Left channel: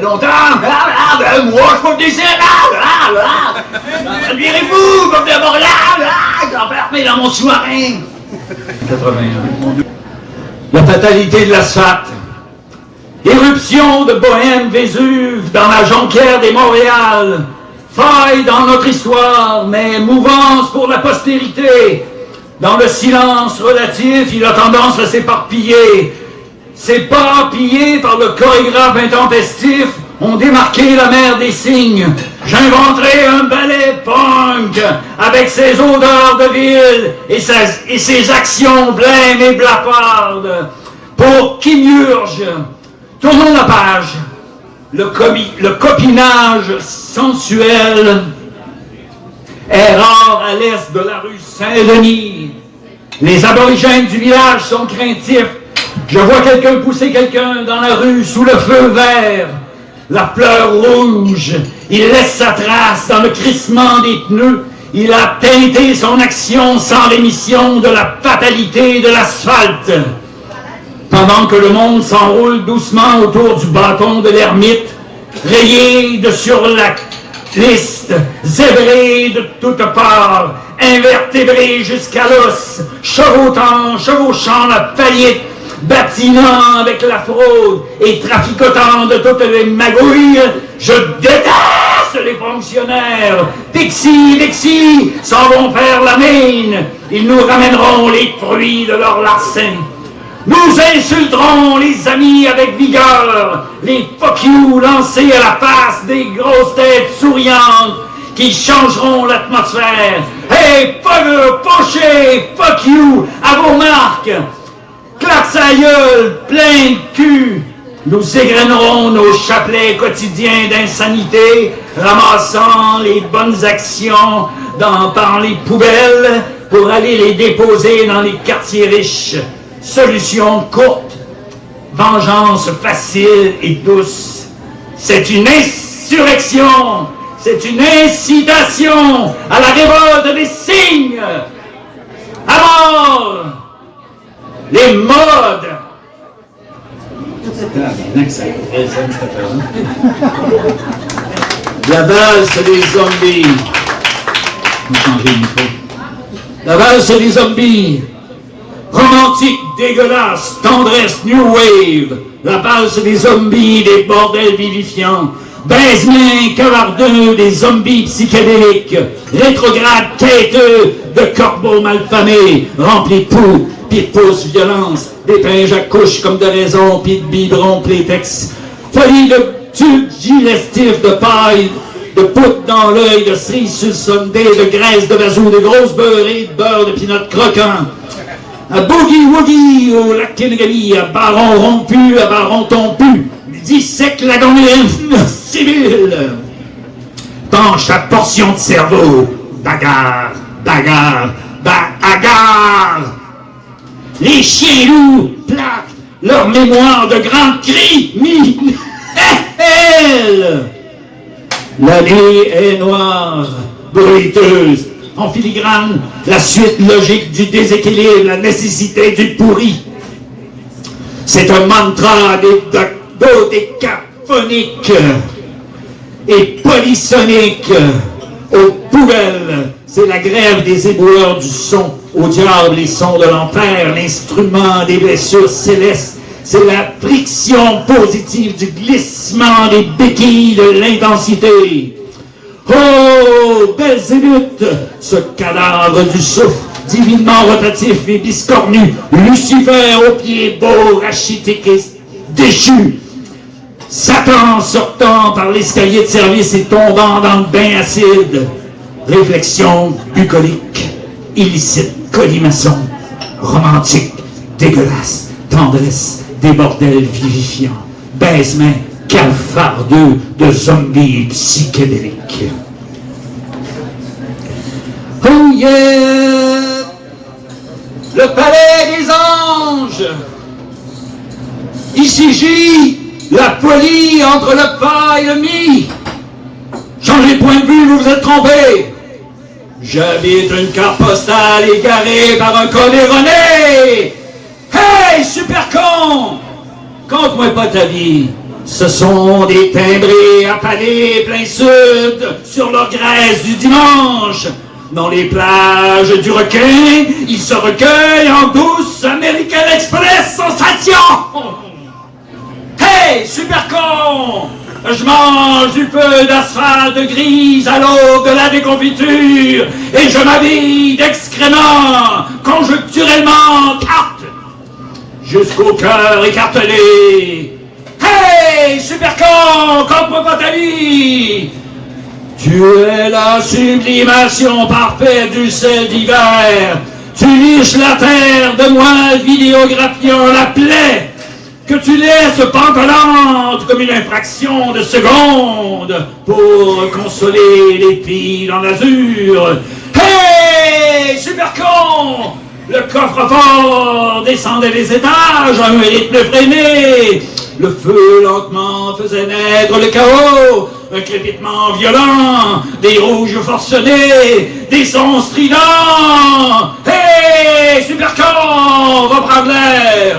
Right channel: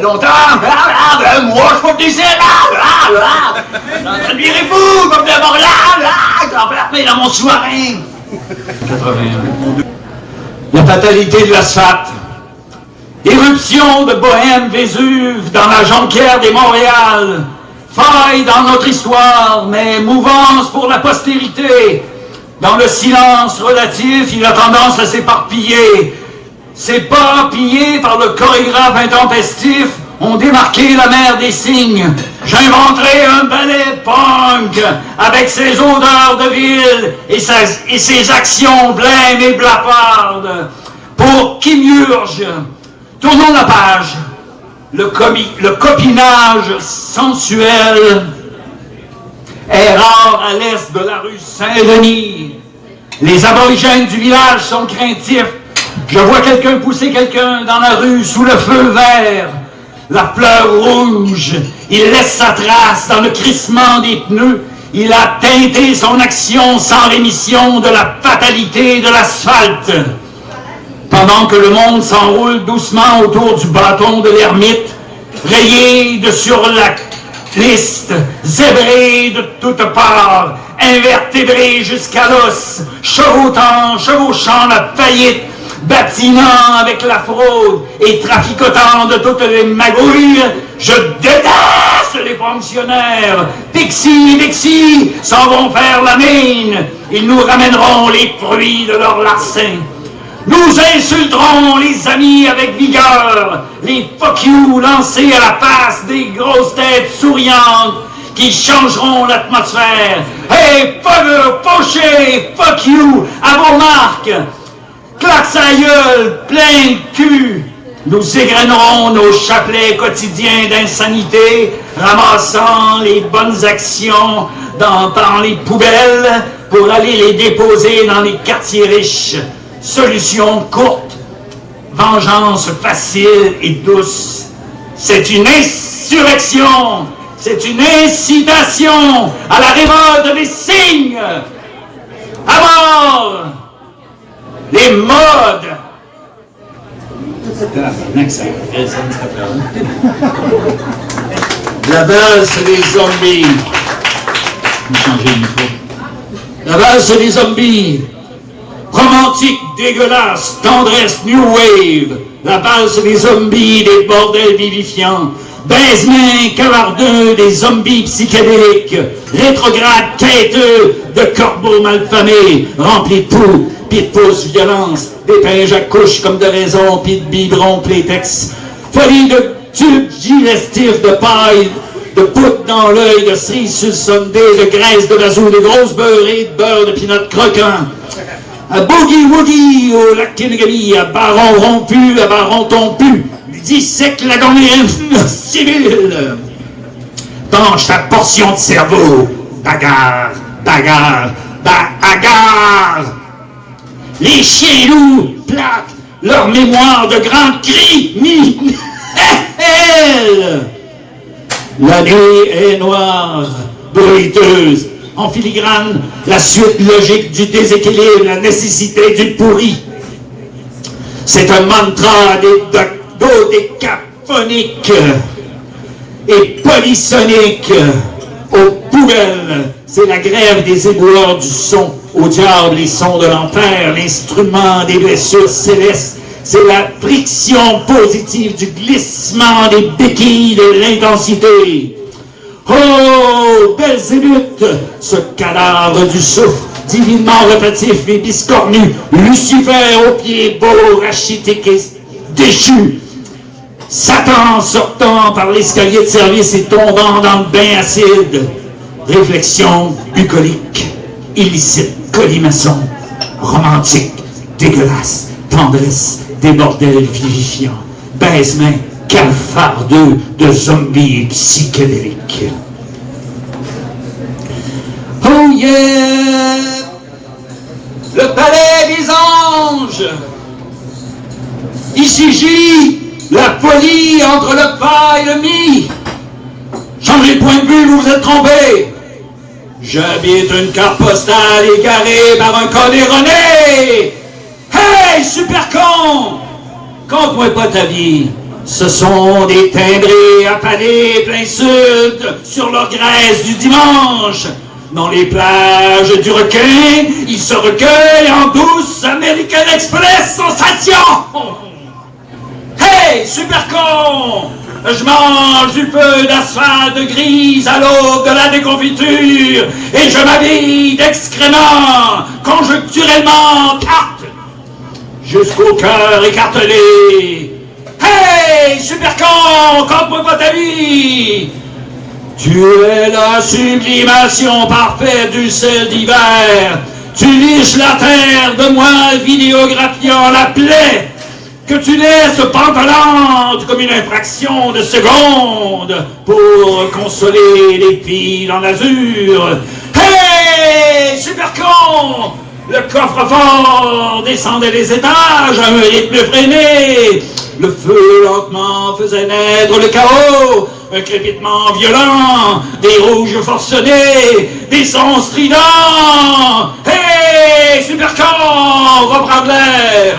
Longtemps, moi je peux te laisser ça virait fou comme de Montréal, je vais enfermer dans mon sous-marin. 81. La fatalité de l'asphalte. Éruption de Bohème Vésuve dans la jonquière des Montréal. Faille dans notre histoire, mais mouvance pour la postérité. Dans le silence relatif, il a tendance à s'éparpiller. Ces pas pillés par le chorégraphe intempestif ont démarqué la mer des signes. J'inventerai un ballet punk avec ses odeurs de ville et ses actions blêmes et blafardes. Pour Kimurge, tournons la page. Le copinage sensuel est rare à l'est de la rue Saint-Denis. Les aborigènes du village sont craintifs. Je vois quelqu'un pousser quelqu'un dans la rue sous le feu vert. La fleur rouge, il laisse sa trace dans le crissement des pneus. Il a teinté son action sans rémission de la fatalité de l'asphalte. Pendant que le monde s'enroule doucement autour du bâton de l'ermite, rayé de sur la liste, zébré de toutes parts, invertébré jusqu'à l'os, chevauchant la faillite, bâtiment avec la fraude et traficotant de toutes les magouilles, je déteste les fonctionnaires. Pixie, s'en vont faire la mine. Ils nous ramèneront les fruits de leur larcin. Nous insulterons les amis avec vigueur, les fuck you lancés à la face des grosses têtes souriantes qui changeront l'atmosphère. Hey, poché, fuck you, à vos marques. Claque sa gueule, plein de cul. Nous égrènerons nos chapelets quotidiens d'insanité, ramassant les bonnes actions dans les poubelles pour aller les déposer dans les quartiers riches. Solution courte, vengeance facile et douce. C'est une insurrection, c'est une incitation à la révolte des signes. À mort les modes. La valse des zombies. La valse des zombies. Romantique, dégueulasse, tendresse, new wave. La valse des zombies, des bordels vivifiants. Baise-main, cavardeux, des zombies psychédéliques. Rétrograde, quêteux, de corbeaux malfamés. Remplis de poux, pis de pouces, violence. D'épinges à couches comme de raison, pis de biberons, plétex. Folie de tubes digestifs de paille. De poudre dans l'œil, de cerises sur le sondé, de graisse de bazou, de grosses beurrées, de beurre de pinot croquant. À boogie-woogie, au lac Kenegami, à baron rompu, à baron tompu, dissèque la gommine civile. Penche ta portion de cerveau, bagarre, Les chiens loups plaquent leur mémoire de grands cris, La nuit est noire, bruiteuse, en filigrane, la suite logique du déséquilibre, la nécessité du pourri. C'est un mantra dodécaphonique et polysonique aux poubelles. C'est la grève des éboueurs du son, au diable les sons de l'enfer, l'instrument des blessures célestes. C'est la friction positive du glissement des béquilles de l'intensité. Oh, Belzébuth, ce cadavre du souffle, divinement rotatif et biscornu, Lucifer aux pieds beaux, rachitique et déchu, Satan sortant par l'escalier de service et tombant dans le bain acide, réflexion bucolique, illicite, colimaçon, romantique, dégueulasse, tendresse, des bordels vivifiants, baise-main, cafardeux de zombies psychédéliques. Oh yeah! Le palais des anges! Ici J, la folie entre le pas et le mi. Changez de point de vue, vous vous êtes trompé. J'habite une carte postale égarée par un con erroné. Hey, super con! Conte-moi pas ta vie. Ce sont des timbrés affalés plein sud sur leur graisse du dimanche. Dans les plages du requin, ils se recueillent en douce American Express sensation. Hey, super con! Je mange du feu d'asphalte grise à l'aube de la déconfiture et je m'habille d'excréments conjoncturellement tarte jusqu'au cœur écartelé. Hey, super con! Conte-moi pas ta vie! Tu es la sublimation parfaite du sel d'hiver. Tu liches la terre de moi vidéographiant la plaie que tu laisses pantelante comme une infraction de seconde pour consoler les filles en azur. Hey, super con! Le coffre-fort descendait les étages à un rythme freiné. Le feu lentement faisait naître le chaos, un crépitement violent, des rouges forcenés, des sons stridents. Hey, super con, va prendre l'air.